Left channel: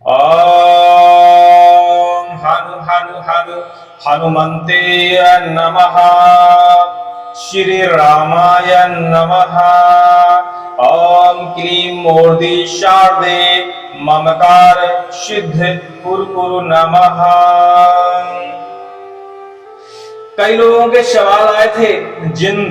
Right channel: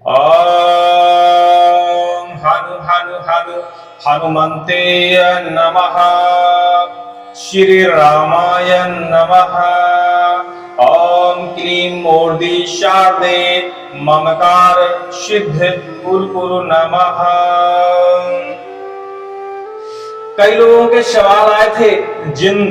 ॐ हनु हनु हनु हनुमन्ते नमः। श्री रामाय नमः। ॐ क्लीं मूर्ति शारदे ममकार सिद्ध कुरु नमः। कई लोगों के सवाल आए थे, जिंद,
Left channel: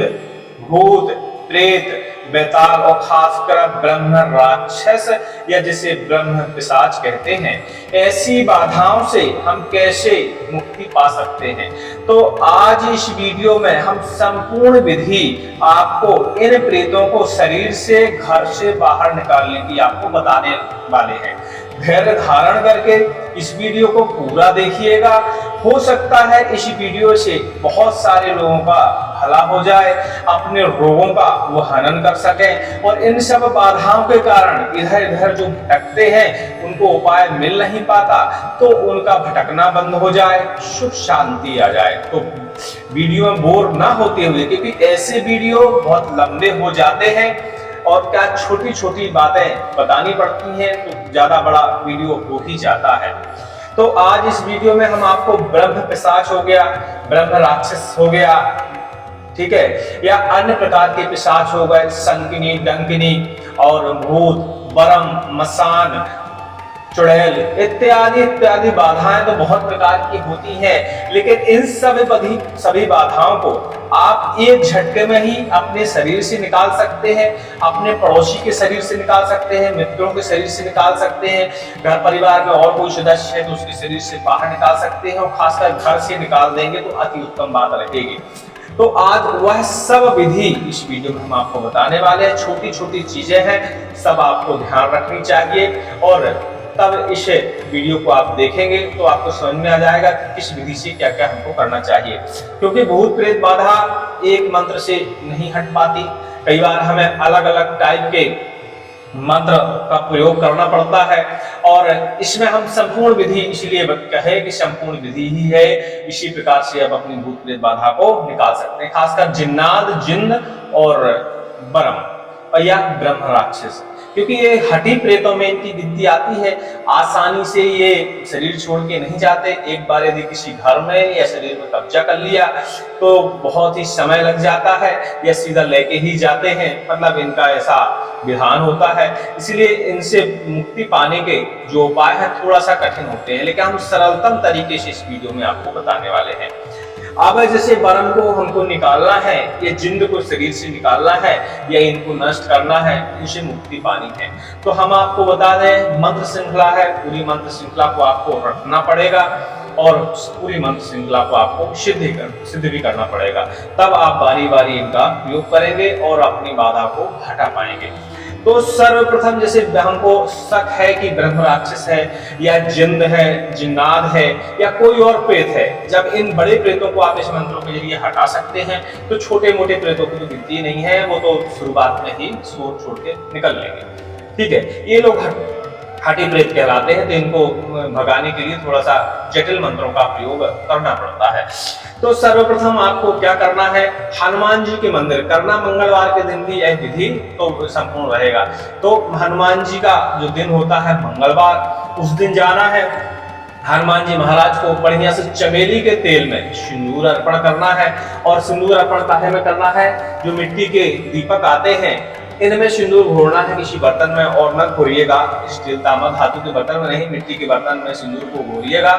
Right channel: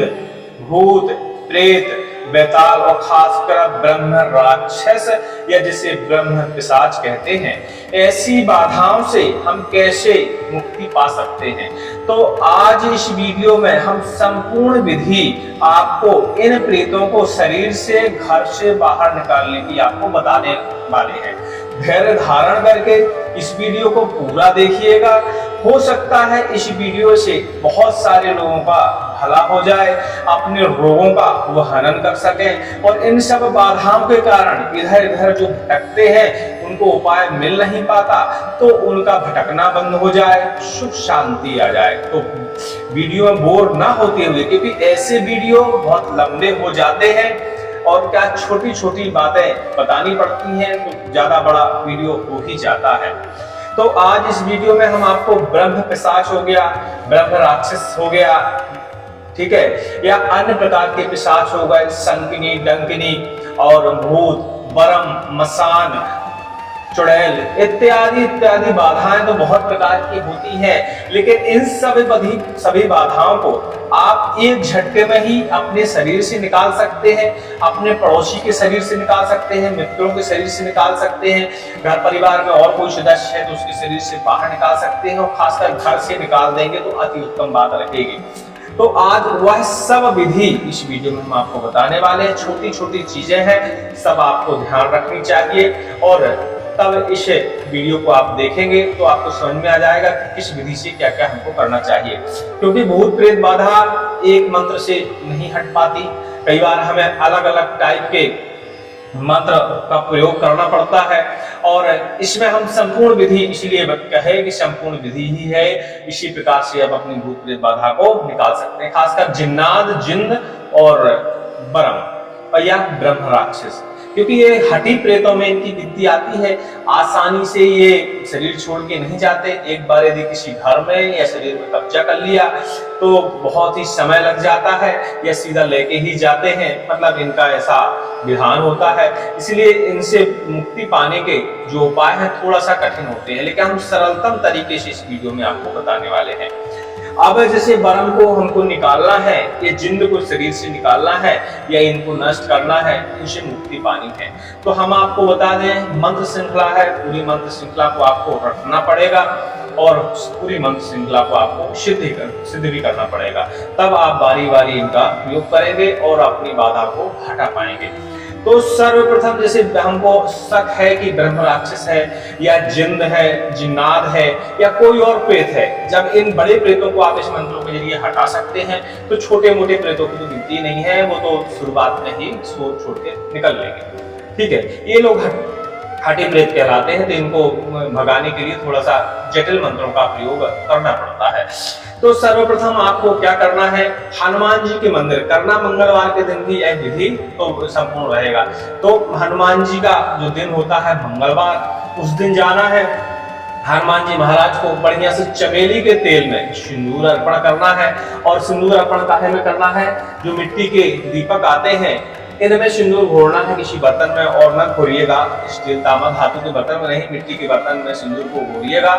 भूत, प्रेत, बेताल और खासकर ब्रह्म राक्षस या जिसे ब्रह्म पिशाच कहते हैं, ऐसी बाधाओं से हम कैसे मुक्ति पा सकते हैं। तो आज इस वीडियो में हम संपूर्ण विधि आपको इन प्रेतों को शरीर से, घर से बाहर निकालने की आपको बताने वाले हैं। धैर्य धारण करके इस वीडियो को पूरा देखिएगा। हो सकता है इस वीडियो से बहुत सारे लोगों का भला हो जाए, अपने रोगों का वो हनन कर सकें और इन सब बाधाओं के कारण इधर इधर जो भटकते हैं उनको उपाय मिल नहीं पाता, तो उनका भटकना बंद हो जाए, सुख शांति आ जाए। तो वीडियो में बोर ना होते हुए, क्योंकि ऐसे वीडियो बहुत लंबे हो जाते हैं और क्या छोटी छोटी बातें बतानी पड़ती हैं तो ज्यादा बड़ा वीडियो हो ही जाता है। तो आज इस वीडियो में हम आपको ब्रह्म पिशाच हो गया, ब्रह्म राक्षस हो गया, ठीक है, या अन्य प्रकार के पिशाच हो गए, संकिनी, डंकिनी और भूत, बरम, मसान, चुड़ैल इत्यादि इत्यादि बाधाएं तो बहुत प्रकार की होती हैं, लेकिन इन सभी बाधाओं को आप एक झटके में ही अपने शरीर से निकाल सकते हैं, अपने पड़ोसी के शरीर से निकाल सकते हैं, मित्रों के शरीर से निकाल सकते हैं, घर परिवार में और कोई सदस्य है तो उसके शरीर से बाहर निकाल सकते हैं और खासकर घर से निकाल देंगे तो अति उत्तम बात रहेगी। तो आज वह सब विधि इस वीडियो में हम आपको बताने वाले हैं। छोटी छोटी चीजें हैं, सब आपको ध्यान रखनी चाहिए और तब इस वीडियो को आप देखेंगे तो आपको समझ में आ जाएगा कि किस विधि से क्या क्या हमको करना चाहिए। क्योंकि भूत प्रेत बाधा एक मंत्र से नहीं हट पाती, कई बार हमें अलग अलग टाइप के मंत्र का प्रयोग करना पड़ता है और इसमें हम संपूर्ण विधि इसलिए कहे कि संपूर्ण विधि ही है। इसी प्रकार से आप अपनी भूत प्रेत बाधा को निकाल सकते हैं, खासकर जिन्नात, जिन्न और बरम या ब्रह्म राक्षस, क्योंकि ये हठी प्रेतों में इनकी गिनती आती है। आसानी से ये शरीर छोड़ के नहीं जाते। एक बार यदि किसी घर में या शरीर में कब्जा कर लिया तो बहुत ही समय लग जाता है या सीधा लेके ही जाते हैं, मतलब इनका ऐसा विधान होता है। इसलिए इनसे मुक्ति पाने के जो उपाय हैं थोड़ा सा कठिन होते हैं, लेकिन हम सरलतम तरीके से इस वीडियो में आपको बताने वाले हैं। अब जैसे बरम को हमको निकालना है, ये जिंद को शरीर से निकालना है या इनको नष्ट करना है, इनसे मुक्ति पानी है, तो हम आपको बता दें मंत्र श्रृंखला है। पूरी मंत्र श्रृंखला को आपको रखना पड़ेगा और पूरी मंत्र श्रृंखला को आपको सिद्ध भी करना पड़ेगा, तब आप बारी बारी इनका प्रयोग करेंगे और अपनी बाधा को हटा पाएंगे। तो सर्वप्रथम जैसे हमको शक है कि ब्रह्म राक्षस है या जिंद है, जिन्नात है या कोई और प्रेत है, जब इन बड़े प्रेतों को आप इस मंत्रों के जरिए हटा सकते हैं तो छोटे मोटे प्रेतों की तो गिनती नहीं है, वो तो शुरुआत में ही छोड़ के निकल लेंगे। ठीक है, ये लोग हठी प्रेत कहलाते हैं, तो इनको भगाने के लिए थोड़ा सा जटिल मंत्रों का प्रयोग करना पड़ता है। तो सर्वप्रथम आपको क्या करना है, हनुमान जी के मंदिर करना, मंगलवार के दिन भी यह विधि तो संपूर्ण रहेगा। तो हनुमान जी का जो दिन होता है मंगलवार, उस दिन जाना है, हनुमान जी महाराज को बढ़िया से चमेली के तेल में सिंदूर अर्पण करना है। और सिंदूर अर्पण काहे में करना है, जो मिट्टी के दीपक आते हैं इनमें सिंदूर घोरना है किसी बर्तन में, और न घोरिएगा स्टील, तांबा, धातु के बर्तन में नहीं, मिट्टी के बर्तन में सिंदूर को घोरिएगा।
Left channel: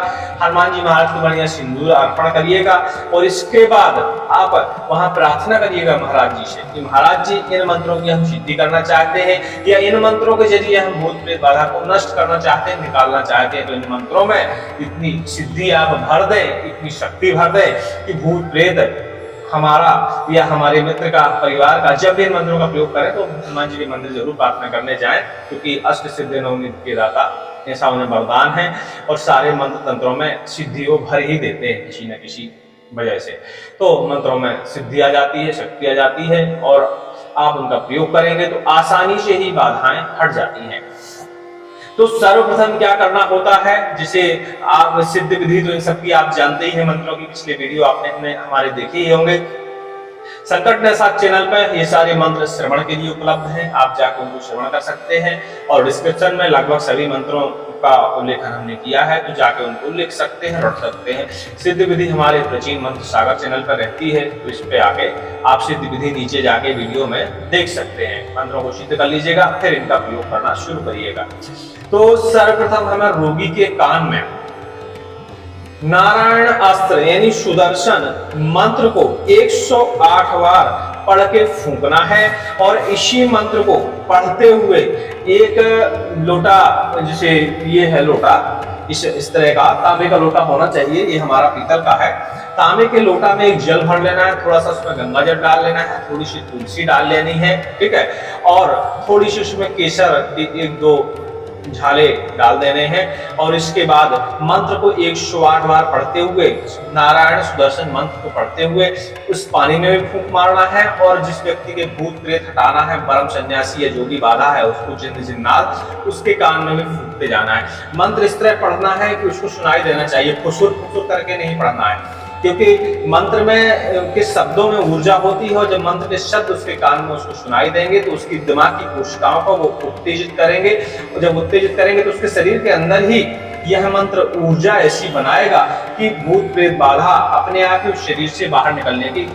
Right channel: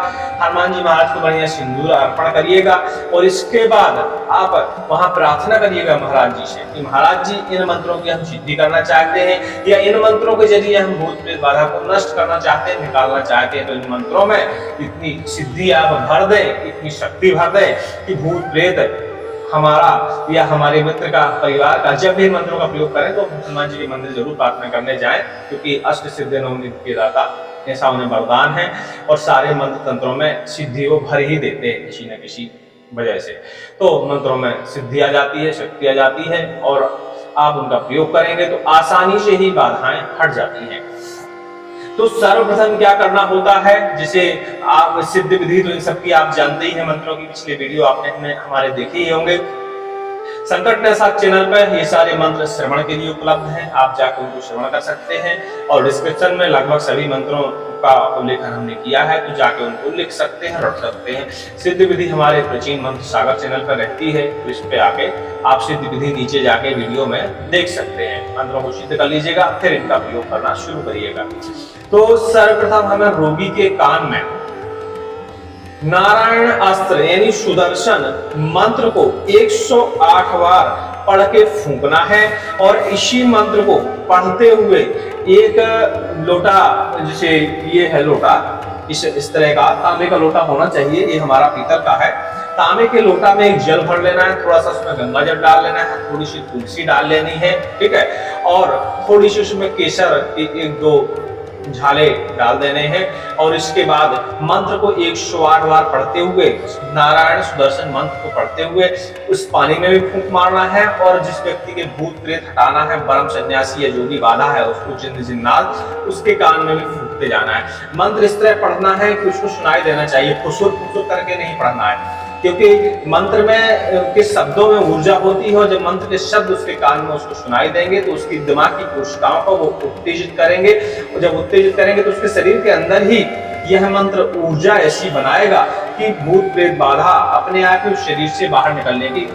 हनुमान जी महाराज को बढ़िया सिंदूर अर्पण करिएगा और इसके बाद आप वहां प्रार्थना करिएगा महाराज जी से कि महाराज जी इन मंत्रों की हम सिद्धि करना चाहते हैं या इन मंत्रों के जरिए हम भूत प्रेत बाधा को नष्ट करना चाहते हैं, निकालना चाहते हैं। तो इन मंत्रों में इतनी सिद्धि आप भर दें, इतनी शक्ति भर दें कि भूत प्रेत हमारा या हमारे मित्र का, परिवार का, जब भी इन मंत्रों का प्रयोग करें तो हनुमान जी के मंदिर जरूर प्रार्थना करने जाएं, क्योंकि अष्ट सिद्धि नवनिधि के दाता ऐसा उन्हें वरदान है और सारे मंत्र तंत्रों में सिद्धि वो भर ही देते हैं किसी न किसी वजह से। तो मंत्रों में सिद्धि आ जाती है, शक्ति आ जाती है और आप उनका प्रयोग करेंगे तो आसानी से ही बाधाएं हट जाती हैं। तो सर्वप्रथम क्या करना होता है, जिसे आप सिद्ध विधि तो इन सबकी आप जानते ही हैं, मंत्रों की पिछले वीडियो आपने हमारे देखे ही होंगे। संकट निषाद चैनल पर ये सारे मंत्र श्रवण के लिए उपलब्ध हैं, आप जाकर उनको श्रवण कर सकते हैं और डिस्क्रिप्शन में लगभग सभी मंत्रों का उल्लेखन हमने किया है, तो जाके उनको लिख सकते हैं, रट सकते हैं। सिद्ध विधि हमारे प्राचीन मंत्र सागर चैनल पर रहती है, तो इस पे आके आप सिद्ध विधि नीचे जाके वीडियो में देख सकते हैं। मंत्रों को सिद्ध कर लीजिएगा, फिर इनका प्रयोग करना शुरू करिएगा। तो सर्वप्रथम हमें रोगी के कान में नारायण अस्त्र यानी सुदर्शन मंत्र को 108 बार पढ़ के फूंकना है, और इसी मंत्र को पढ़ते हुए एक लोटा, जैसे ये है लोटा, इस तरह का तांबे का लोटा होना चाहिए, ये हमारा पीतल का है। तांबे के लोटा में एक जल भर लेना है, थोड़ा सा उसमें गंगा जल डाल लेना है, थोड़ी सी तुलसी डाल लेनी है, ठीक है, और थोड़ी सी उसमें केसर की 1-2 झाले डाल देने हैं, और इसके बाद मंत्र को 108 बार पढ़ते हुए, नारायण सुदर्शन मंत्र को पढ़ते हुए उस पानी में भी फूंक मारना है, और जिस व्यक्ति के भूत प्रेत हटाना है, ब्रह्म सन्यासी या जोगी बाधा है, उसको जिन्न जिन्नात, उसके कान में भी फूंकते जाना है। मंत्र इस तरह पढ़ना है कि उसको सुनाई देना चाहिए, फुसुर फुसुर करके नहीं पढ़ना है, क्योंकि मंत्र में के शब्दों में ऊर्जा होती है, और जब मंत्र के शब्द उसके कान में उसको सुनाई देंगे तो उसकी दिमाग की कोशिकाओं को वो उत्तेजित करेंगे, और जब उत्तेजित करेंगे तो उसके शरीर के अंदर ही यह मंत्र ऊर्जा ऐसी बनाएगा कि भूत प्रेत बाधा अपने आप ही उस शरीर से बाहर निकलने की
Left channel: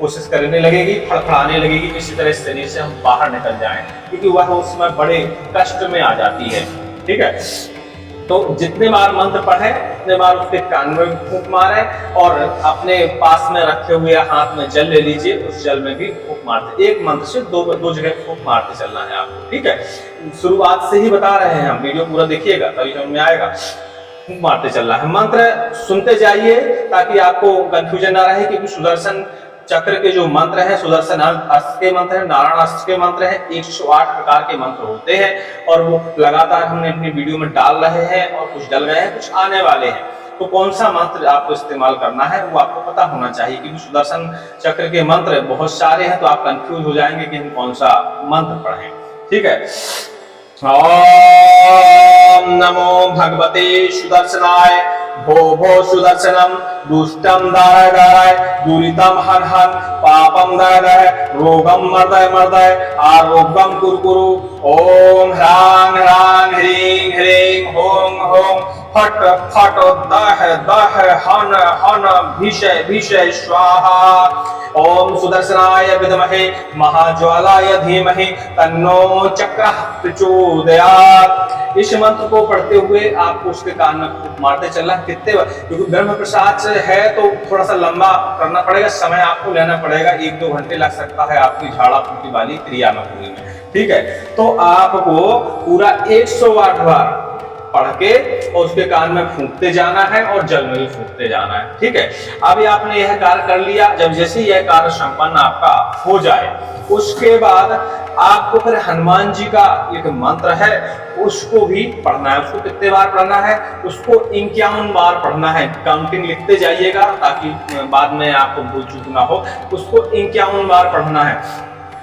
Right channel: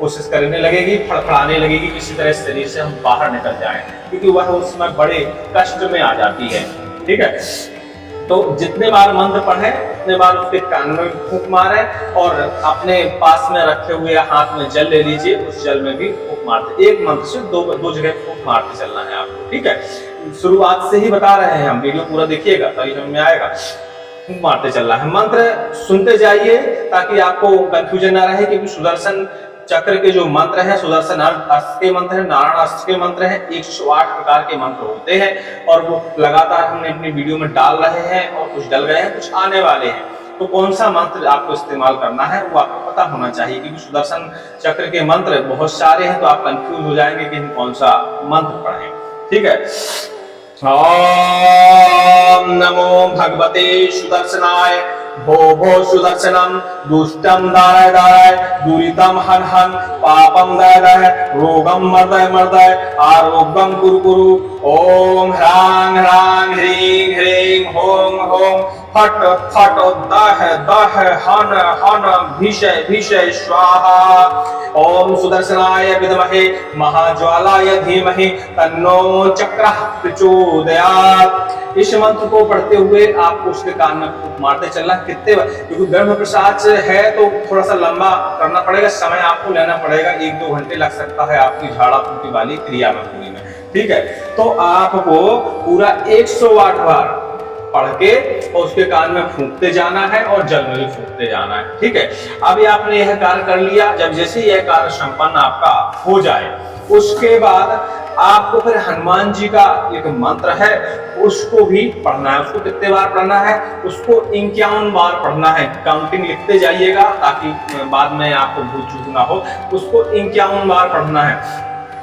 कोशिश करने लगेगी, फड़फड़ाने लगेगी, किसी तरह शरीर से हम बाहर निकल जाएं, क्योंकि वह उस समय बड़े कष्ट में आ जाती है। ठीक है, तो जितने बार मंत्र पढ़े उतने बार उसके कान में फूंक मारे, और अपने पास में रखे हुए हाथ में जल ले लीजिए, उस जल में भी फूंक मारते, एक मंत्र से दो जगह फूंक मारते चलना है आपको। ठीक है, शुरुआत से ही बता रहे हैं हम, वीडियो पूरा देखिएगा तभी समझ में आएगा। फूंक मारते चलना है, मंत्र सुनते जाइए ताकि आपको कंफ्यूजन ना रहे, क्योंकि सुदर्शन चक्र के जो मंत्र हैं, सुदर्शन अस्त्र के मंत्र हैं, नारायण अस्त्र के मंत्र हैं, 108 प्रकार के मंत्र होते हैं, और वो लगातार हमने अपनी वीडियो में डाल रहे हैं, और कुछ डल गए हैं, कुछ आने वाले हैं। तो कौन सा मंत्र आपको इस्तेमाल करना है वो आपको पता होना चाहिए, क्योंकि सुदर्शन चक्र के मंत्र बहुत सारे हैं, तो आप कंफ्यूज हो जाएंगे कि हम कौन सा मंत्र पढ़ें। ठीक है, ओम नमो भगवते सुदर्शनाय, भो भो सुदर्शनम, दुष्टम दाराय दाराय, दुरितम हन हन, पापम दय दय, रोगम मर्दय मर्दय, आरोग्यम कुरु कुरु। ओम ह्रांग ह्रांग ह्रीं ह्रीं हों हों, फट फट दह दह हन हन, भीषय भीषय स्वाहा। ओम सुदर्शनाय विद्महे महाज्वालाय धीमहि, तन्नो चक्रः प्रचोदयात्। इस मंत्र को पढ़ते हुए आपको उसके कान में फूंक मारते चलना। कितने बार, क्योंकि ब्रह्म प्रसाद है तो थोड़ा सा लंबा करना पड़ेगा, समय आपको लेना पड़ेगा, 1-2 घंटे लग सकता है आपकी झाड़ा फूंकी वाली क्रिया में पूरी में। ठीक है, तो आपको पूरा 108 बार पढ़ के और उसके कान में फूंकते जाना है, और जल में भी फूंकते जाना है। ठीक है, अभी आपने यह कार्य कर लिया। जब जैसे यह कार्य संपन्न आपका हो जाए, उसके बाद आपको फिर हनुमान जी का एक मंत्र है उसको भी पढ़ना है। उसको कितने बार पढ़ना है? उसको 51 बार पढ़ना है। काउंटिंग लिखते जाइएगा ताकि बाद में आपको भूल चूक ना हो। उसको 51 बार पढ़ना है,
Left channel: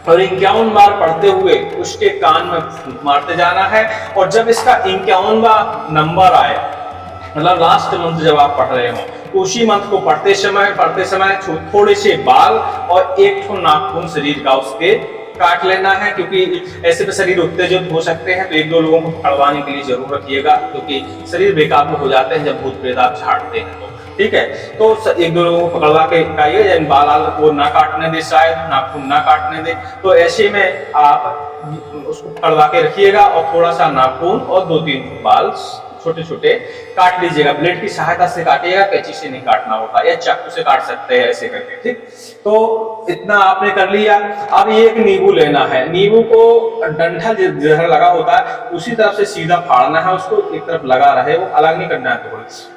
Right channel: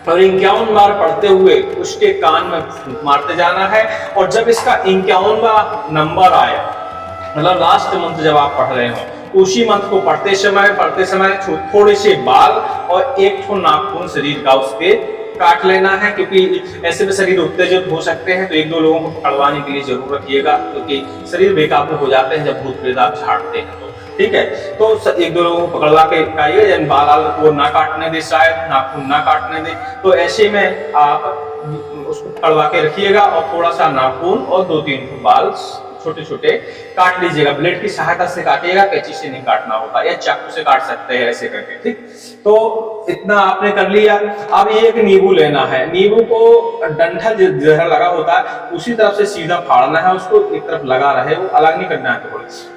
और 51 बार पढ़ते हुए उसके कान में फूंक मारते जाना है। और जब इसका 51वां नंबर आए, मतलब लास्ट मंत्र जब आप पढ़ रहे हो, उसी मंत्र को पढ़ते समय थोड़े से बाल और एक ठो नाखून शरीर का उसके काट लेना है, क्योंकि ऐसे में शरीर उत्तेजित हो सकते हैं। तो 1-2 लोगों को पकड़वाने के लिए जरूर रखिएगा, क्योंकि शरीर बेकाबू हो जाते हैं जब भूत प्रेत आप झाड़ते हैं। तो ठीक है, तो 1-2 लोगों को पकड़वा के खाइए, बाल वो ना काटने दे, शायद नाखून ना काटने दे। तो ऐसे में आप उसको पकड़वा के रखिएगा, और थोड़ा सा नाखून और 2-3 बाल छोटे छोटे काट लीजिएगा। ब्लेड की सहायता से काटिएगा, कैंची से नहीं काटना होता, या चाकू से काट सकते हैं ऐसे करके। ठीक, तो इतना आपने कर लिया। अब ये एक नींबू लेना है। नींबू को डंठल जिधर लगा होता है उसी तरफ से सीधा फाड़ना है, उसको एक तरफ लगा रहे, वो अलग नहीं करना है।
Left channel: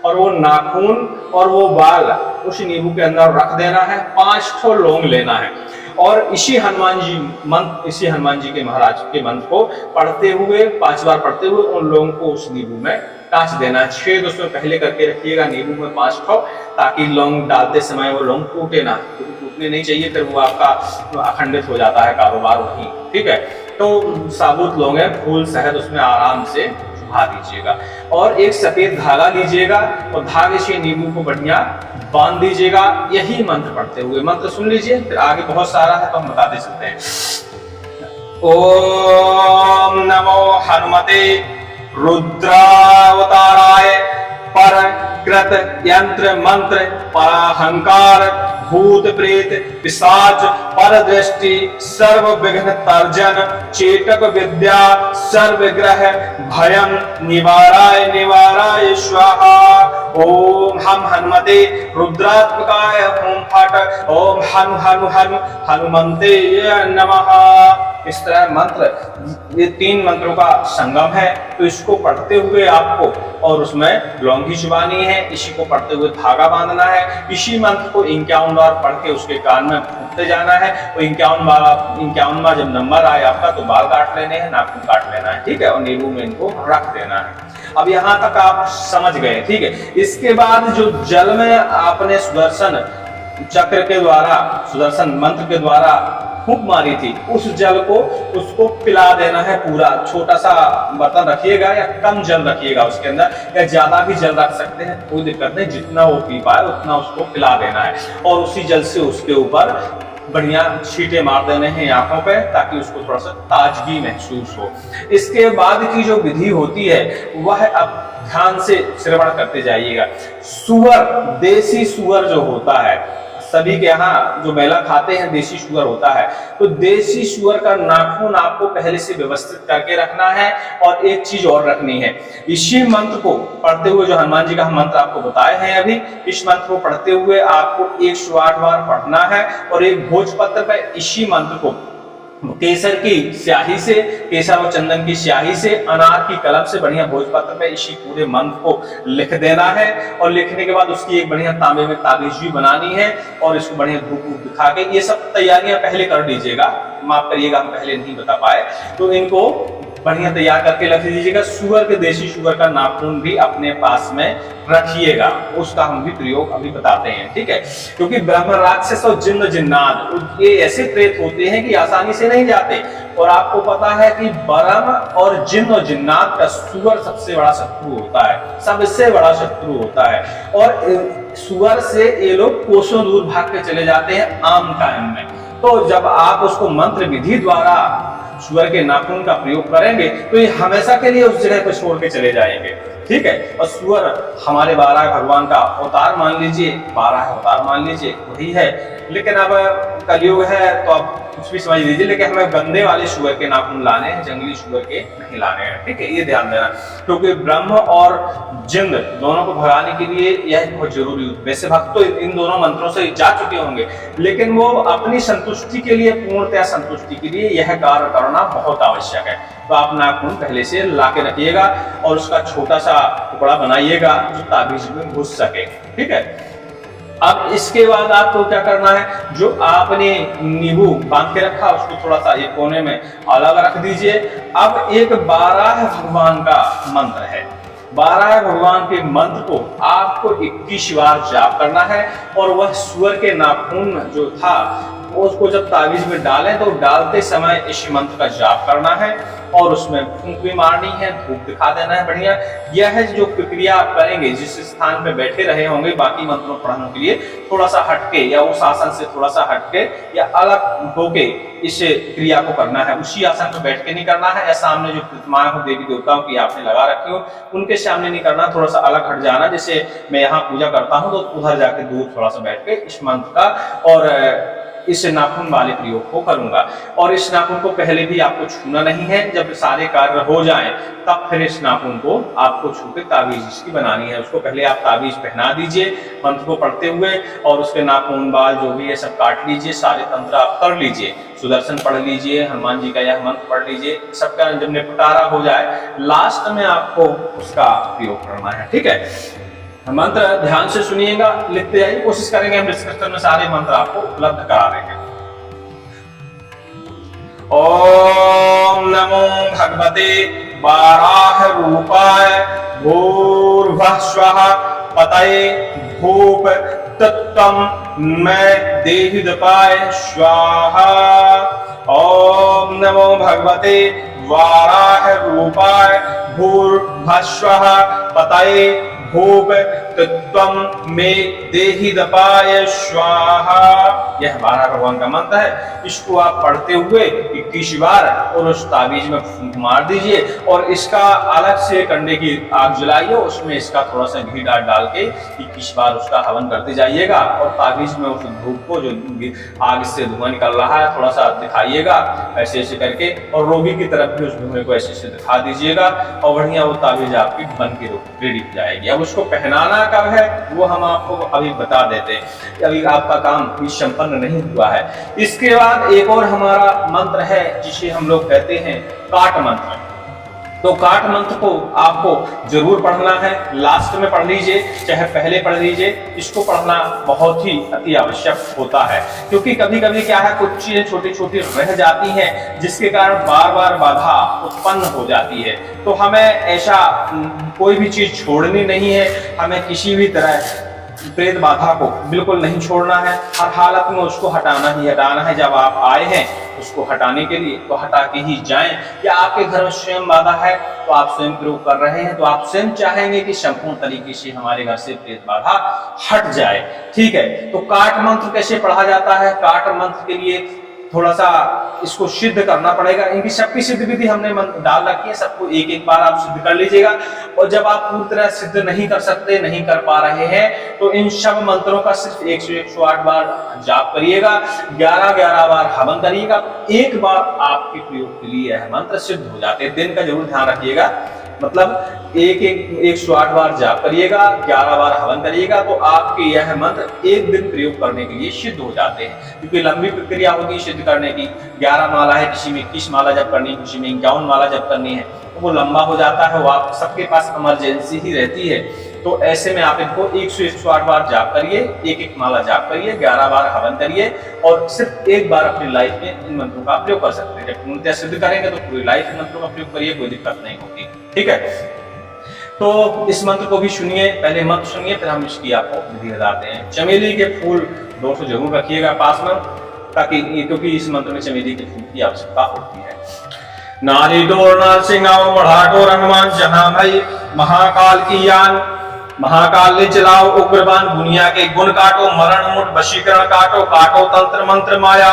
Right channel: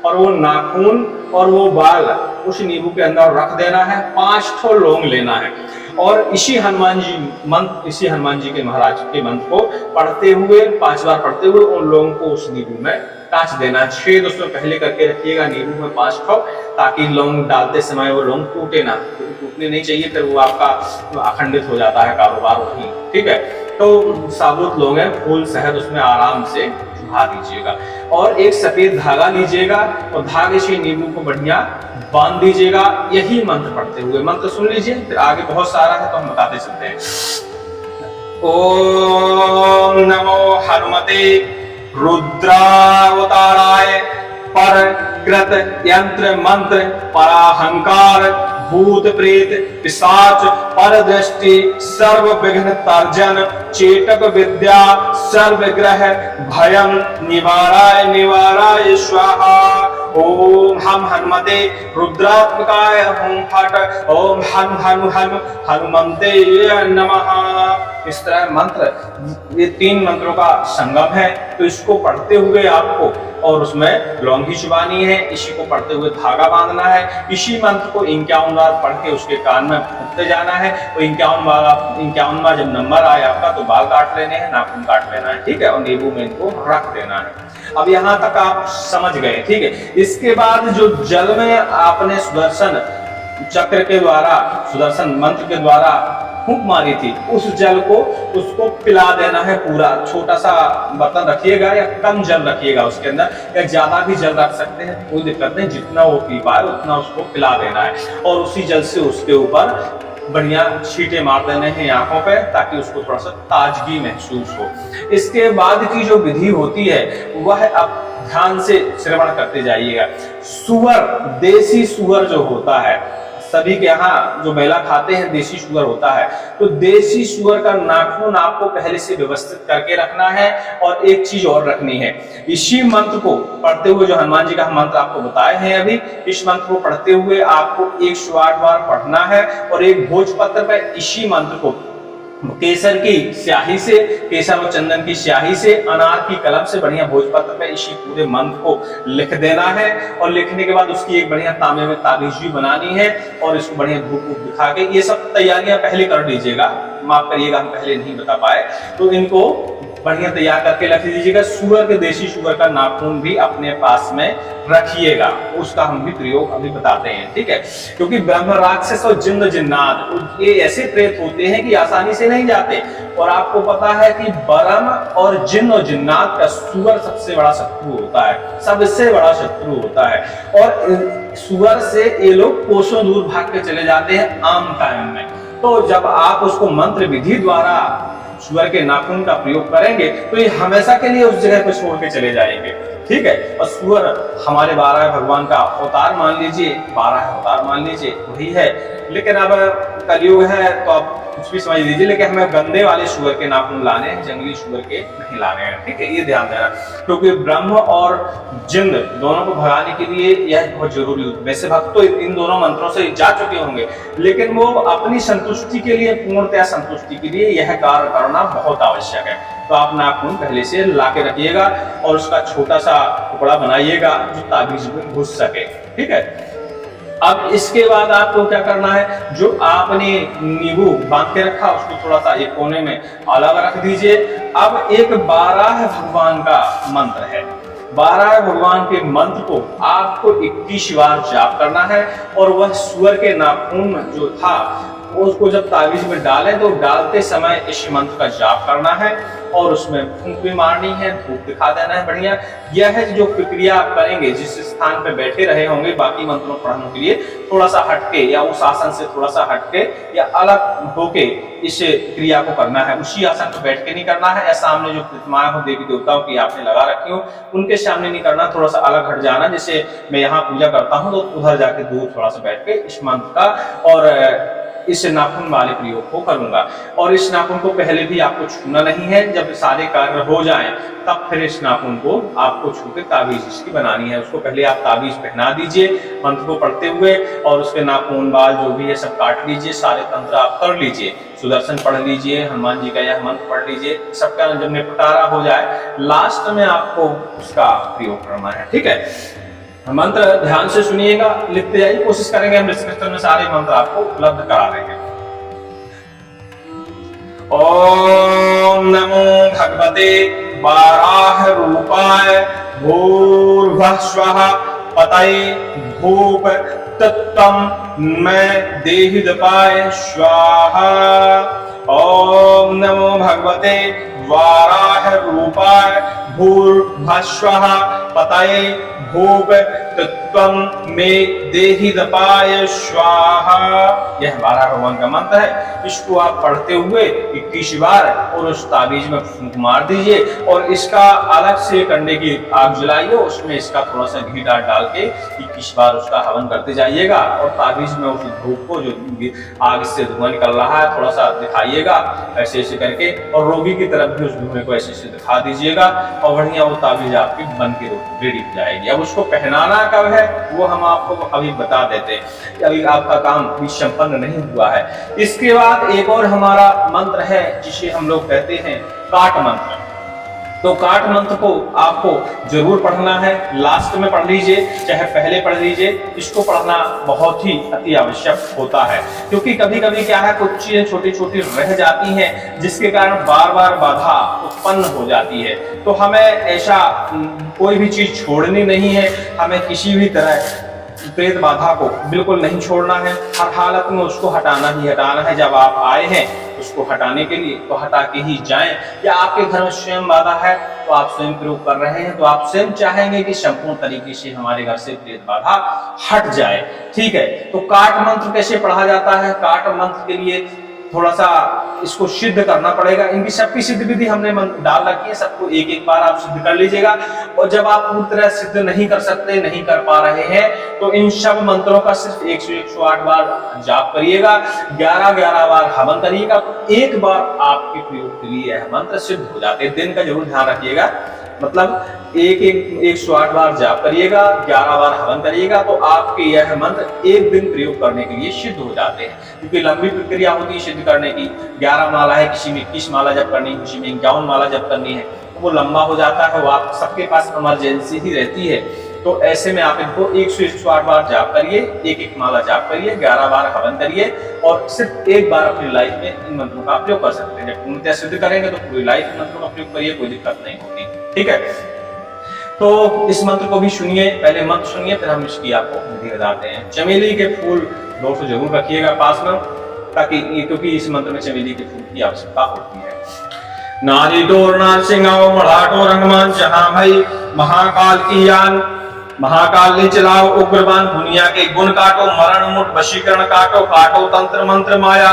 और वो नाखून और वो बाल उस नींबू के अंदर रख देना है। 5 ठो लौंग लेना है, और इसी हनुमान जी के महाराज के मंत्र को पढ़ते हुए 5 बार पढ़ते हुए उन लोगों को उस नींबू में काट देना है। 6 उसमें पहले करके रखिएगा नींबू में 5 ठो, ताकि लौंग डालते समय वो लौंग टूटे ना, टूटने नहीं चाहिए, फिर वो आपका अखंडित हो जाता है कारोबार वही। ठीक है, तो साबुत लौंग है, फूल शहद उसमें आराम से चुभा दीजिएगा, और एक सफेद धागा लीजिएगा और धागे से नींबू को बढ़िया बांध दीजिएगा। यही मंत्र पढ़ते हुए, मंत्र सुन लीजिए, फिर आगे बहुत सारा है तो हम बताते चलते हैं। ओम नमो हनुमते रुद्रावताराय पर कृत यंत्र मंत्र पराहंकार भूत प्रेत पिशाच पर दृष्टि सर्व विघ्न तर्जन चेटक विद्या सर्व ग्रह भयं निवाराय निवाराय स्वाहा। ओम हम हनुमते रुद्रात्मकाय हुम फट ओम हनु हनु हनु हनुमंते नमः। इस तरह मंत्र, ये 3 मंत्रों का संगम है, तो इसको पढ़ते हुए आपको, और उसमें लौंगी चुबानी है, इसी को पढ़ते हुए धागा बांधना है, इसी मंत्र को 51 बार पढ़ के उसके कान में फूंकते जाना है, और 51 बार जब नंबर आए आपका तो बाल काट लेने हैं, नाखून काट लेना है, ठीक है, और नींबू में इनको रख देना है। अब यहाँ तक आप समझ गए, ठीक है। इसके बाद जो जल में आपने सुदर्शन चक्र के द्वारा, सुदर्शन मंत्र के द्वारा फूंक मारी थी, उस जल को उसको पिला देना है पूरा। छोटा सा बर्तन रखिएगा या कम जल रखिएगा उसके अंदर, या ज्यादा भी जल रख सकते हैं, कोई दिक्कत नहीं, जितना वो पी पाए उतना उसको पिला देना है, और उसी जल से उसके ऊपर बढ़िया छींटे मार देने हैं आंखों पे, ताकि उसको थोड़ा सा ताजगी महसूस हो। इसके बाद की जो विधि होती है वह अब ध्यान से श्रवण करते जाइएगा। सुअर, देसी सुअर जो होता है, सभी के यहाँ जो मेला खाते हैं देसी सुअर होता है, तो देसी सुअर का नाखून आपको पहले से व्यवस्थित करके रखना है। और एक चीज और रखनी है, इसी मंत्र को पढ़ते हुए, जो हनुमान जी का हम मंत्र आपको बताए हैं अभी, इस मंत्र को पढ़ते हुए आपको 108 बार पढ़ना है, और एक भोजपत्र पर इसी मंत्र को केसर की स्याही से, केसर और चंदन की स्याही से, अनार की कलम से बढ़िया भोजपत्र पे इसी पूरे मंत्र को लिख देना है। और लिखने के बाद उसकी एक बढ़िया तांबे में ताबीज भी बनानी है, और इसको बढ़िया धूप दिखा के, ये सब तैयारियां पहले कर लीजिएगा, माफ करिएगा हम पहले नहीं बता पाए, तो इनको बढ़िया तैयार करके रख दीजिएगा। सुअर के, देसी सुअर का नाखून भी अपने पास में रखिएगा, उसका हम भी प्रयोग अभी बताते हैं, ठीक है। क्योंकि ब्रह्म राक्षस और जिन्न जिन्नात ये ऐसे प्रेत होते हैं कि आसानी से नहीं जाते, और आपको पता है कि ब्रह्म और जिन्न और जिन्नात का सुअर सबसे बड़ा शत्रु होता है, सबसे बड़ा शत्रु होता है, और सुअर से ये लोग कोसों दूर भाग के चले जाते हैं आम टाइम में। तो जब आप उसको मंत्र विधि द्वारा सुअर के नाखून का प्रयोग करेंगे तो ये हमेशा के लिए उस जगह पर छोड़ के चले जाएंगे, ठीक है। और सुअर हमारे 12 भगवान का अवतार मान लीजिए, 12 अवतार मान लीजिए, वही है। लेकिन अब कलयुग है तो अब कुछ भी समझ लीजिए, लेकिन हमें गंदे वाले सुअर के नाखून लाने हैं, जंगली सुअर के नहीं लाने हैं, ठीक है, ये ध्यान देना। क्योंकि ब्रह्म और जिन्न दोनों को भगाने के लिए यह बहुत जरूरी होता है। वैसे भक्त तो इन दोनों मंत्रों से जा चुके होंगे, लेकिन वो अपनी संतुष्टि के लिए, पूर्णतया संतुष्टि के लिए यह कार्य करना बहुत आवश्यक है। तो आप नाखून पहले से ला के रखिएगा, और उसका छोटा सा टुकड़ा बनाइएगा जो ताबीज में घुस सके, ठीक है। अब इसके बाद आपको क्या करना है, जो आपने नींबू बांध के रखा उसको थोड़ा सा एक कोने में अलग रख दीजिए। अब एक 12 भगवान का मंत्र है, 12 भगवान के मंत्र को आपको 21 बार जाप करना है, और वह सुअर के नाखून जो था उसको जब ताबीज में डालें तो डालते समय इस मंत्र का जाप करना है, और उसमें फूंक भी मारनी है, धूप दिखा देना है बढ़िया। यह है जो प्रक्रिया आप करेंगे, जिस स्थान पे बैठे रहे होंगे बाकी मंत्रों पढ़ने के लिए, थोड़ा सा हटके या उस आसन से थोड़ा सा हटके या अलग होके इस क्रिया को करना है। उसी आसन पर बैठ के नहीं करना है, या सामने जो प्रतिमाएं हो देवी देवताओं की आपने लगा रखी हो उनके सामने नहीं करना, थोड़ा सा अलग हट जाना। जैसे मैं यहाँ पूजा करता हूँ तो उधर जाके दूर थोड़ा सा बैठ के इस मंत्र का और इस नाखून वाले प्रयोग को करूंगा। और इस नाखून को पहले भी आपको छूना नहीं है, जब सारे कार्य हो जाएं तब फिर इस नाखून को आपको छू के ताबीज इसकी बनानी है। उसको पहले आप ताबीज पहना दीजिए मंत्र को पढ़ते हुए, और उसके नाखून बाल जो भी है सब काट लीजिए, सारे तंत्र आप कर लीजिए, सुदर्शन पढ़ लीजिए, हनुमान जी का यह मंत्र पढ़ लीजिए। सबका जब निपटारा हो जाए लास्ट में आपको उसका प्रयोग करना है, ठीक है। मंत्र ध्यान से सुनिएगा, लिखते जाइए, कोशिश करेंगे हम डिस्क्रिप्शन में सारे मंत्र आपको उपलब्ध करा देंगे। ओम नमो भगवते वाराह रूपाय भूर्भुवः स्वः पतये भूप तत्त्वं मैं देहिदपाय स्वाहा। ओम नमो भगवते वाराह रूपाय भूर्भुवः स्वः पतये भूप तत्वम में देहि दपाय स्वाहा। यह बारह भगवान का मंत्र है। इसको आप पढ़ते हुए 21 बार और उस ताबीज में फूंक मार दीजिए और इसका अलग से कंडे की आग जलाइए, उसमें इसका थोड़ा सा घी डाल के 21 बार उसका हवन करते जाइएगा और ताबीज में उस धूप को जो आग से धुआं निकल रहा है थोड़ा सा दिखाइएगा ऐसे ऐसे करके, और रोगी की तरफ भी उस धुएं को ऐसे ऐसे दिखा दीजिएगा और बढ़िया वो ताबीज आपकी बन के रेडी हो जाएगी। अब उसको पहनाना कब है वो हम आपको अभी बता देते हैं, अभी आपका काम भी संपन्न नहीं हुआ है। इसके बाद एक और हमारा मंत्र है जिसे हम लोग कहते हैं काट मंत्र। तो काट मंत्र को आपको जरूर पढ़ना है, लास्ट में पढ़ लीजिए चाहे पहले पढ़ लीजिए। इसको पढ़ना बहुत ही अति आवश्यक होता है क्योंकि कभी कभी क्या है कुछ चीजें छोटी छोटी रह जाती हैं जिसके कारण बार बार बाधा उत्पन्न हो जाती है। तो हमें ऐसा कोई भी चीज छोड़नी नहीं है, हमें किसी भी तरह प्रेत बाधा को बिल्कुल नहीं छोड़ना है, हर हालत में उसको हटाना ही हटाना है। जब आप आए हैं उसको हटाने के लिए तो हटा के ही जाएं, या आपके घर में स्वयं बाधा है तो आप स्वयं प्रयोग कर रहे हैं तो आप स्वयं चाहेंगे कि संपूर्ण तरीके से हमारे घर से प्रेत बाधा हट जाए। ठीक है, तो काट मंत्र कैसे पढ़ा जाता है? काट मंत्र के लिए थोड़ा सा इसको सिद्ध करना पड़ेगा। इनकी सबकी सिद्ध विधि हमने डाल रखी है, सबको एक एक बार आप सिद्ध कर लीजिएगा। और जब आप पूरी तरह सिद्ध नहीं कर सकते, नहीं कर पा रहे हैं तो इन सब मंत्रों का सिर्फ 100 से 108 बार जाप करिएगा, 11-11 बार हवन करिएगा। एक बार आपके प्रयोग के लिए यह मंत्र सिद्ध हो जाते हैं। दिन का जरूर ध्यान रखिएगा, मतलब 108 बार जाप करिएगा, 11 बार हवन करिएगा तो आपके यह मंत्र एक दिन प्रयोग करने के लिए सिद्ध हो जाते हैं। क्योंकि लंबी प्रक्रिया होती है सिद्ध करने की, 11 माला है, किसी में 21 माला जप करनी है, किसी में 51 माला जप करनी है, तो वो लंबा हो जाता है, वो आप सबके पास इमरजेंसी ही रहती है। तो ऐसे में आप इनको 100 से 108 बार जाप करिए, एक एक माला जाप करिए, 11 बार हवन करिए और सिर्फ एक बार अपनी लाइफ में इन मंत्रों का प्रयोग कर सकते हैं। जब पूर्णतः सिद्ध करेंगे तो पूरी लाइफ इन मंत्रों का प्रयोग करिए, कोई दिक्कत नहीं होती। ठीक है, तो इस मंत्र को भी सुनिए, पहले मंत्र सुनिए फिर हम इसकी आपको विधि बताते हैं। चमेली के फूल 200 जरूर रखिएगा पास में, ताकि क्योंकि इस मंत्र में चमेली के फूल की आवश्यकता होती है। नारी डोर नार सिंगाओ मढ़ाटो रंगमान जहां भाई महाकाल की यान, महाकाल ले चलाओ उग्रबान, दुनिया के गुण काटो, मरण मुठ वशीकरण काटो, काटो तंत्र मंत्र माया,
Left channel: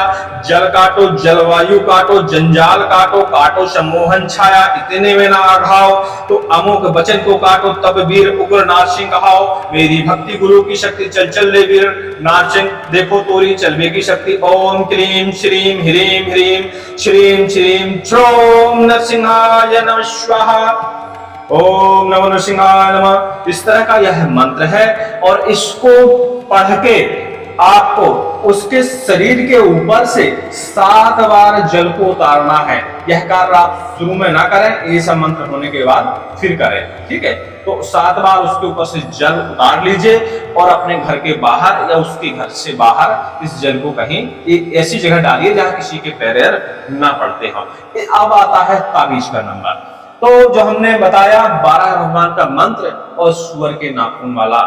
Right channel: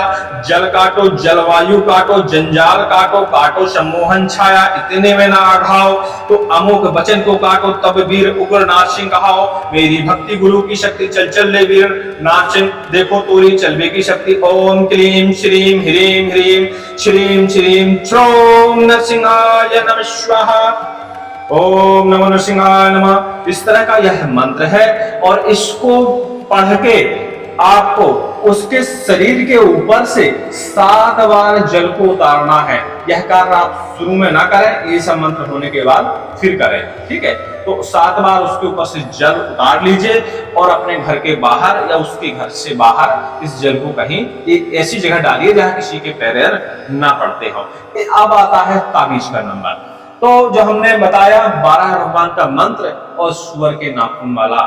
जल काटो जलवायु काटो, जंजाल काटो, काटो सम्मोहन छाया, इतने में ना आघाओ, तो अमोघ वचन को काटो, तब वीर उग्र नारसिंह कहाओ, मेरी भक्ति गुरु की शक्ति चल चल ले वीर नारसिंह, देखो तोरी चलबे की शक्ति। ओम क्लीम श्रीम ह्रीम ह्रीम श्रीम श्रीम श्रोम नरसिंहाय नमः स्वाहा, ओम नमो नरसिंहाय नमः। इस तरह का यह मंत्र है और इसको पढ़ के आपको उसके शरीर के ऊपर से 7 बार जल को उतारना है। यह कार्य आप शुरू में ना करें, ये सब मंत्र होने के बाद फिर करें। ठीक है, तो 7 बार उसके ऊपर से जल उतार लीजिए और अपने घर के बाहर या उसके घर से बाहर इस जल को कहीं एक ऐसी जगह डालिए जहां किसी के पैर ना पड़ते हो। अब आता है ताबीज का नंबर। तो जो हमने बताया 12 भगवान का मंत्र और सुअर के नाखून वाला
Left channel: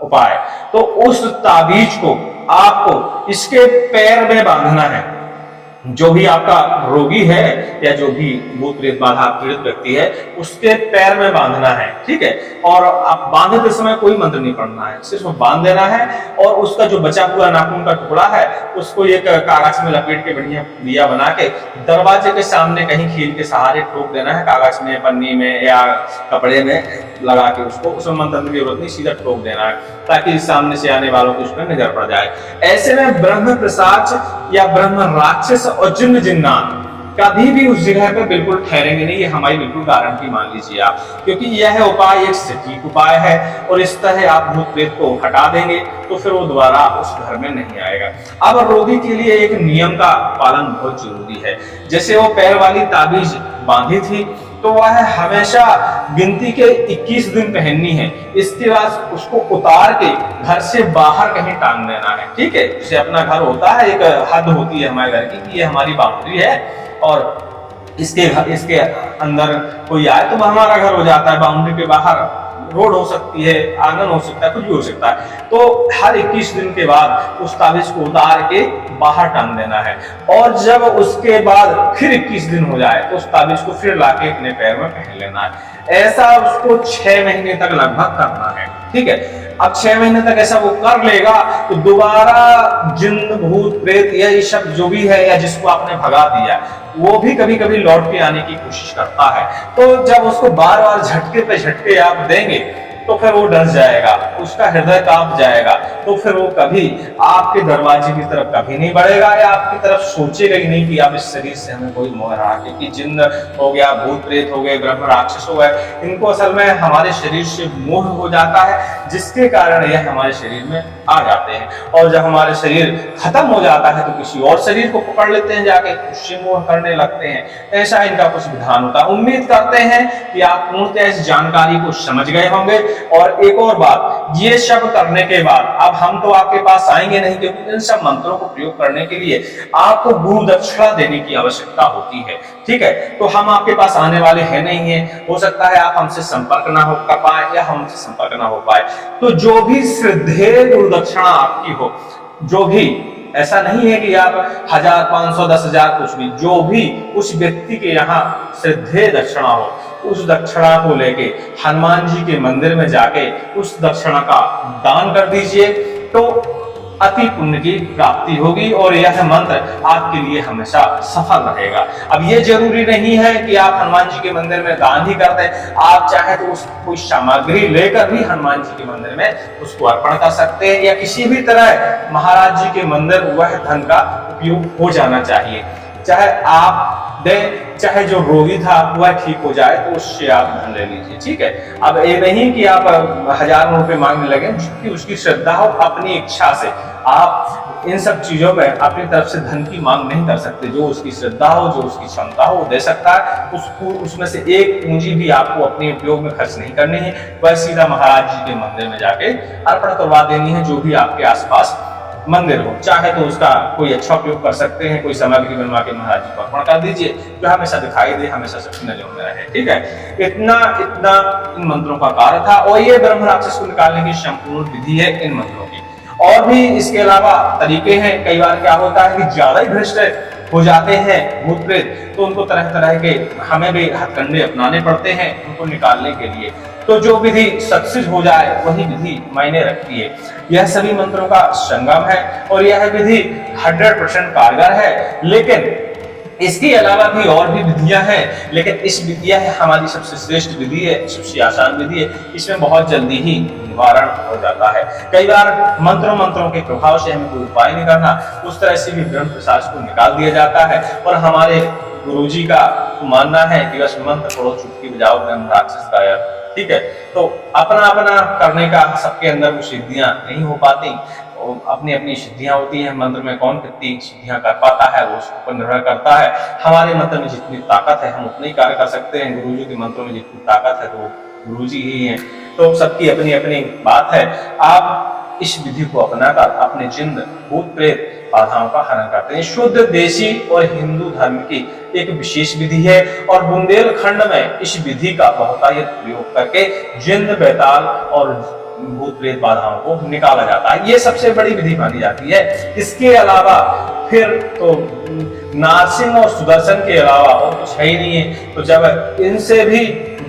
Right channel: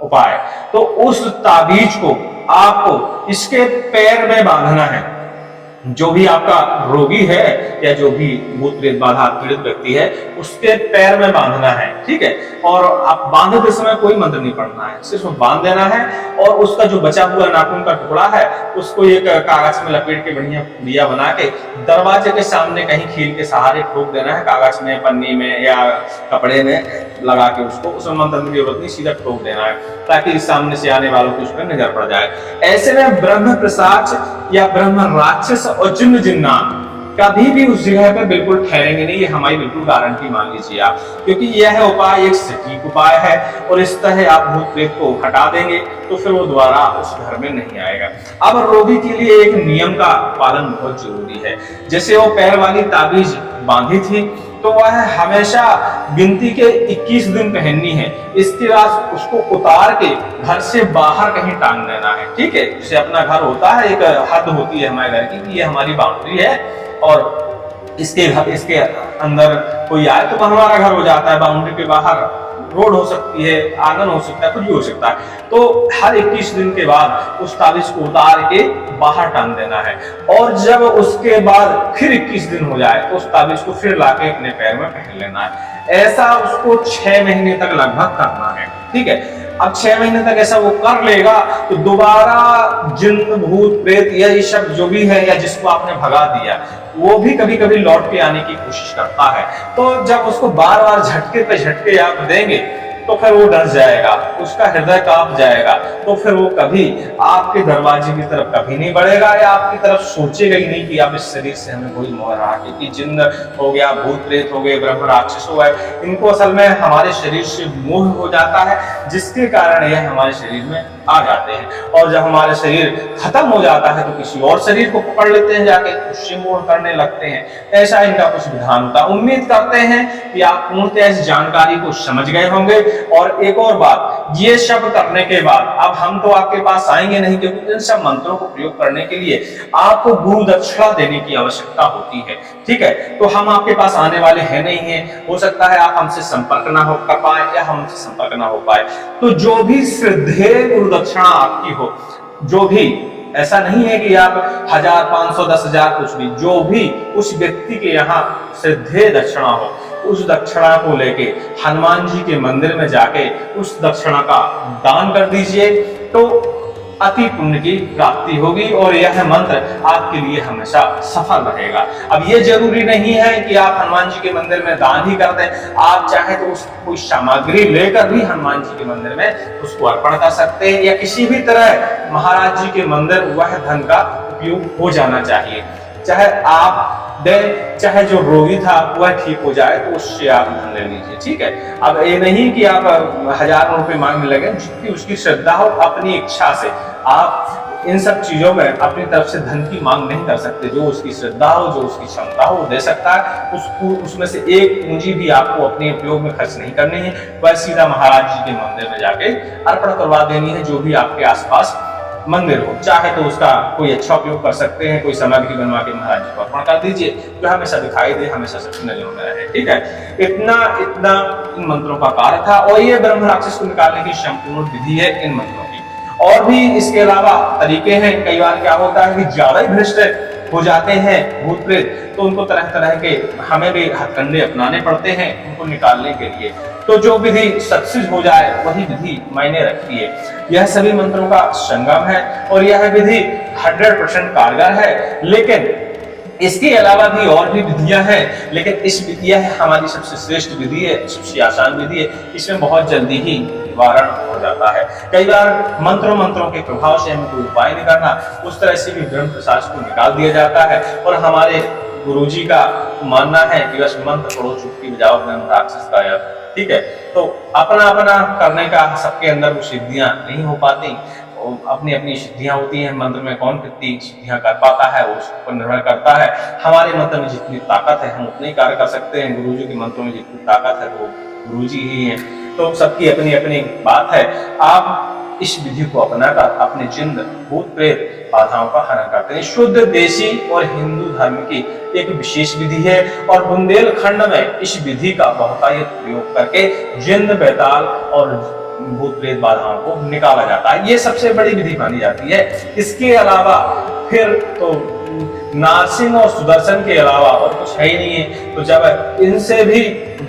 उपाय, तो उस ताबीज को आपको इसके पैर में बांधना है। जो भी आपका रोगी है या जो भी भूत प्रेत बाधा पीड़ित व्यक्ति है उसके पैर में बांधना है। ठीक है, और आप बांधते समय कोई मंत्र नहीं पढ़ना है, सिर्फ बांध देना है और उसका जो बचा हुआ नाखून का टुकड़ा है उसको एक कागज में लपेट के बढ़िया पुड़िया बना के दरवाजे के सामने कहीं खील के सहारे ठोक देना है, कागज में, पन्नी में या कपड़े में लगा के उसको, उसमें मंत्र की जरूरत नहीं, सीधा ठोक देना है ताकि सामने से आने वालों को उस पर नजर पड़ जाए। ऐसे में ब्रह्म पिशाच या ब्रह्म राक्षस और जिन्न जिन्नात कभी भी उस जगह पे बिल्कुल ठहरेंगे नहीं, ये हमारी बिल्कुल गारंटी मान लीजिए आप, क्योंकि यह उपाय एक सटीक उपाय है और इस तरह आप भूत प्रेत को हटा देंगे तो फिर वो दोबारा उस घर में नहीं आएगा। अब रोगी के लिए एक नियम का पालन बहुत जरूरी है। जैसे वो पैर वाली ताबीज बांधी थी तो वह हमेशा गिनती के 21 दिन पहननी है, इसके बाद उसको उतार के घर से बाहर कहीं टांग देना है। ठीक है, जैसे अपना घर होता है, एक हद होती है हमारे घर की कि ये हमारी बाउंड्री है और इसके अंदर कोई आए तो वह हमारा घर हो जाता है। बाउंड्री के बाहर रोड हो सकती है, आंगन हो सकता है, कुछ भी हो सकता है। तो हर 21 दिन के बाद उस ताबीज को उतार के बाहर टांग देना है और जब उसके बाद फिर 21 दिन हो जाए तो उस ताबीज को फिर लाके अपने पैर में पहन लेना है। ऐसा उसको 6 महीने तक लगभग करना है, ठीक है। अब 6 महीने तक ऐसा वो कर लेगा तो दोबारा जिन्न भूत प्रेत या ये शब्द जो भी है या जिसको आपने भगा दिया वो भी कभी कभी लौट के आने की कोशिश करता है। तो जब उसको बार बार झटके पे झटके आप देंगे तो फिर वो डर जाएगा, उसका हृदय कांप जाएगा, तो फिर वो कभी आपके दरवाजे की तरफ कभी नहीं बढ़ेगा या आपकी तरफ सोचेगा ही नहीं कि आप इस शरीर से हमें कोई मोह रहा, क्योंकि जिन्न हो गया, भूत प्रेत हो गए, ब्रह्म राक्षस हो गए, इनको असल में हमारे शरीर से मोह हो जाता है, जिसके कारण यह हमारे शरीर में आ जाते हैं। और जब हमारे शरीर खत्म हो जाता है तो किसी और शरीर को पकड़ लेते हैं जाके, उससे मोह करने लगते हैं। ऐसा इनका कुछ विधान होता है। उम्मीद करते हैं कि आप पूर्णतः इस जानकारी को समझ गए होंगे। और एक और बात, ये सब करने के बाद अब हम तो आपके पास आएंगे नहीं, क्योंकि इन सब मंत्रों को प्रयोग करने के लिए आपको गुरु दक्षिणा देने की आवश्यकता होती है, ठीक है। तो हम आपके पास आने वाले हैं नहीं है, हो सकता है आप हमसे संपर्क ना हो कर पाए या हमसे संपर्क ना हो पाए। तो जो भी श्रद्धेय गुरु दक्षिणा आपकी हो, जो भी, ऐसा नहीं है कि आप 1000, 500, 10,000 कुछ भी, जो भी उस व्यक्ति के यहाँ श्रद्धेय दक्षिणा हो, उस दक्षिणा को लेके हनुमान जी के मंदिर में जाके उस दक्षिणा का दान कर दीजिए, तो अति पुण्य की प्राप्ति होगी और यह मंत्र आपके लिए हमेशा सफल रहेगा। अब ये जरूरी नहीं है कि आप हनुमान जी के मंदिर में दान ही कर दें, आप चाहे तो उस कोई सामग्री लेकर भी हनुमान जी के मंदिर में उसको अर्पण कर सकते हैं, या किसी भी तरह महाराज जी के मंदिर वह धन का उपयोग हो जाना चाहिए। चाहे आप दें, चाहे जो रोगी था वह ठीक हो जाए तो उससे आप धन ले लीजिए, ठीक है। अब ये नहीं कि आप हजारों रुपए मांगने लगे, जितनी उसकी श्रद्धा हो, अपनी इच्छा से आप इन सब चीजों में अपनी तरफ से धन की मांग नहीं कर सकते। जो उसकी श्रद्धा हो, जो उसकी क्षमता हो, वो दे सकता है। उसको उसमें से एक पूंजी भी आपको अपने उपयोग में खर्च नहीं करनी है, वह सीधा महाराज जी के मंदिर में जाके अर्पण करवा देनी है, जो भी आपके आसपास मंदिर हो। चाहे तो उसका कोई अच्छा उपयोग कर सकते हैं, कोई सामग्री बनवा के महाराज जी को अर्पण कर दीजिए, जो हमेशा दिखाई दे, हमेशा सबकी नजरों में रहे, ठीक है। इतना इन मंत्रों का कार्य था, और ये ब्रह्म राक्षस को निकालने की संपूर्ण विधि है इन मंत्रों की। और भी इसके अलावा तरीके हैं। कई बार क्या होता है कि ज्यादा ही भ्रष्ट हो जाते हैं भूत प्रेत, तो उनको तरह तरह के हमें भी हथकंडे अपनाने पड़ते हैं उनको निकालने के लिए। तो जो विधि सक्सेस हो जाए वही विधि मायने रखती है। यह सभी मंत्रों का संगम है और यह विधि 100% कारगर है। लेकिन इसके अलावा भी और भी विधियां हैं, लेकिन इस विधिया है हमारी सबसे श्रेष्ठ विधि है, सबसे आसान विधि है। इसमें बहुत जल्दी ही निवारण हो जाता है। कई बार मंत्रों के प्रभाव से हमें कोई उपाय नहीं करना, उस तरह से भी ब्रह्म पिशाच को निकाल दिया जाता है। और हमारे गुरुजी का मानना है कि बस मंत्र पढ़ो, चुटकी बजाओ, ब्रह्म राक्षस गायब, ठीक है। तो अपना अपना करने का, सबके अंदर वो सिद्धियां नहीं हो पाती, अपनी अपनी सिद्धियां होती हैं। मंत्र में कौन कितनी सिद्धियां कर पाता है वो उसके ऊपर निर्भर करता है। हमारे मंत्र में जितनी ताकत है हम उतनी कार्य कर सकते हैं, गुरुजी के मंत्रों में जितनी ताकत है तो वो गुरुजी ही हैं। तो सबकी अपनी अपनी बात है। आप इस विधि को अपनाकर अपने जिन्न भूत प्रेत बाधाओं का हरण करते हैं। शुद्ध देशी और हिंदू धर्म की एक विशेष विधि है और बुंदेलखंड में इस विधि का बहुतायत प्रयोग करके जिन्न बेताल और भूत प्रेत बाधाओं को निकाला जाता है। ये सबसे बड़ी विधि मानी जाती है। इसके अलावा फिर तो नारसिंह और सुदर्शन के अलावा और कुछ है ही नहीं है। तो जब इनसे भी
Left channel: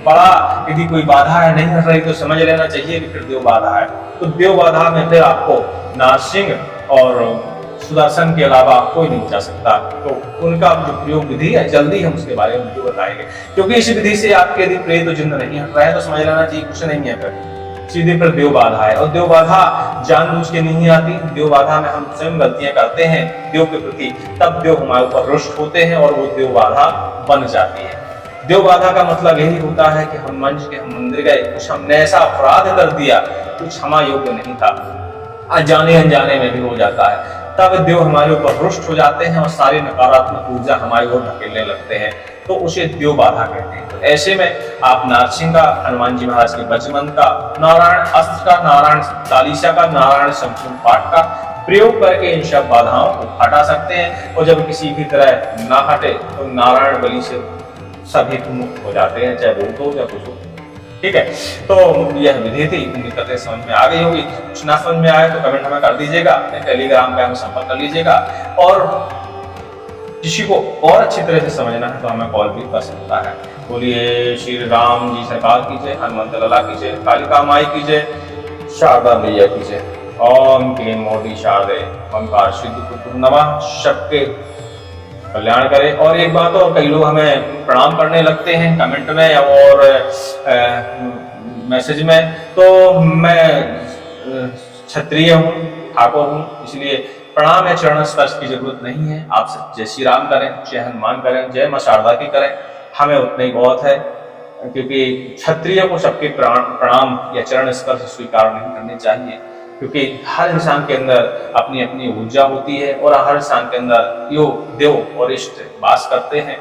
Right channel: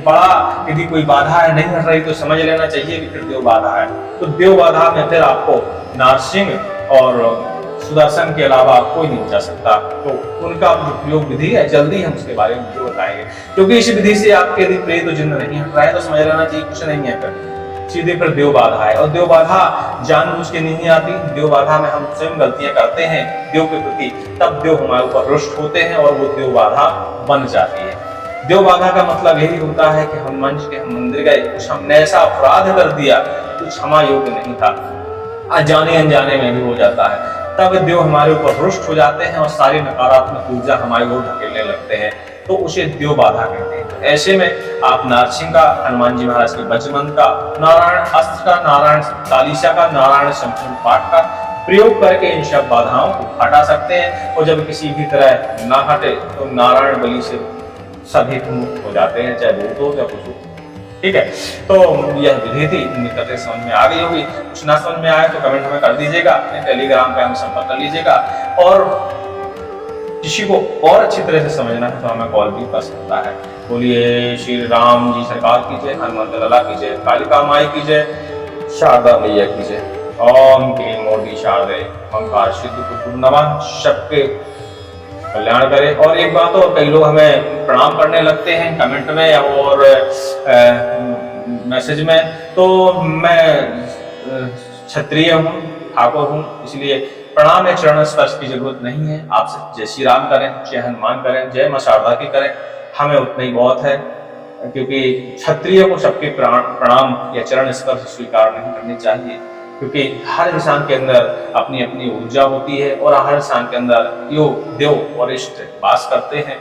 बड़ा यदि कोई बाधा है नहीं हट रही तो समझ लेना चाहिए कि फिर देव बाधा है। तो देव बाधा में फिर आपको नारसिंह और सुदर्शन के अलावा कोई नहीं बचा सकता। तो उनका जो प्रयोग विधि है जल्दी हम उसके बारे में बताएंगे, क्योंकि इस विधि से आपके यदि प्रेत जिन्न नहीं हट रहा है तो समझ लेना चाहिए कुछ नहीं है, फिर सीधे फिर देव बाधा है। और देव बाधा जानबूझ के नहीं आती। देव बाधा में हम स्वयं गलतियां करते हैं देव के प्रति, तब देव हमारे ऊपर रुष्ट होते हैं और वो देव बाधा बन जाती है। देव बाधा का मतलब यही होता है कि हनुमान जी के हम मंदिर गए, कुछ हमने ऐसा अपराध कर दिया जो क्षमा योग्य नहीं था, अनजाने अनजाने में भी हो जाता है, तब देव हमारे ऊपर रुष्ट हो जाते हैं और सारी नकारात्मक ऊर्जा हमारी ओर ढकेलने लगते हैं, तो उसे देव बाधा कहते हैं। तो ऐसे में आप नारसिंह का, हनुमान जी महाराज के वज्रमंत्र का, नारायण अस्त्र का, नारायण चालीसा का, नारायण संपूर्ण पाठ का प्रयोग करके इन सब बाधाओं को हटा सकते हैं। और जब किसी भी तरह ना हटे तो नारायण बलि से सभी मुक्त हो जाते हैं, चाहे भूत हो या कुछ हो, ठीक है। तो यह विधि थी, उम्मीद करते हैं समझ में आ गई होगी। कुछ ना समझ में आए तो कमेंट हमें कर दीजिएगा, टेलीग्राम पे हमें संपर्क कर लीजिएगा। और किसी को और अच्छी तरह से समझना है तो हमें कॉल भी कर सकता है। बोलिए श्री राम जी सरकार की जय, हनुमंत लला की जय, कालिका माई की जय, शारदा मैया की जय। ओम क्लीं मोदी शारदे ओंकार सिद्ध पुत्र नमः। सबके कल्याण करे। और एक बात और, कई लोग हमें प्रणाम करने लगते हैं कमेंट में और मैसेज में, तो मैं क्षत्रिय हूँ, ठाकुर हूँ, इसलिए प्रणाम या चरण स्पर्श की जरूरत नहीं है। आप सब जय श्री राम करें, जय हनुमान करें, जय मां शारदा की करें, हमें उतना ही बहुत है। क्योंकि क्षत्रिय को सबके प्रणाम या चरण स्पर्श स्वीकार नहीं करने चाहिए, क्योंकि हर इंसान के अंदर अपनी अपनी ऊर्जा होती है और हर इंसान के अंदर योग देव और इष्ट वास करते हैं।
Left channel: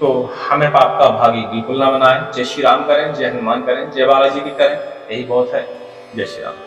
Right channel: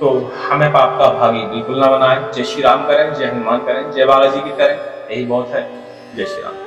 तो हमें पाप का भागी बिल्कुल ना बनाए। जय श्री राम करें, जय हनुमान करें, जय बालाजी की करें, यही बहुत है। जय श्री राम।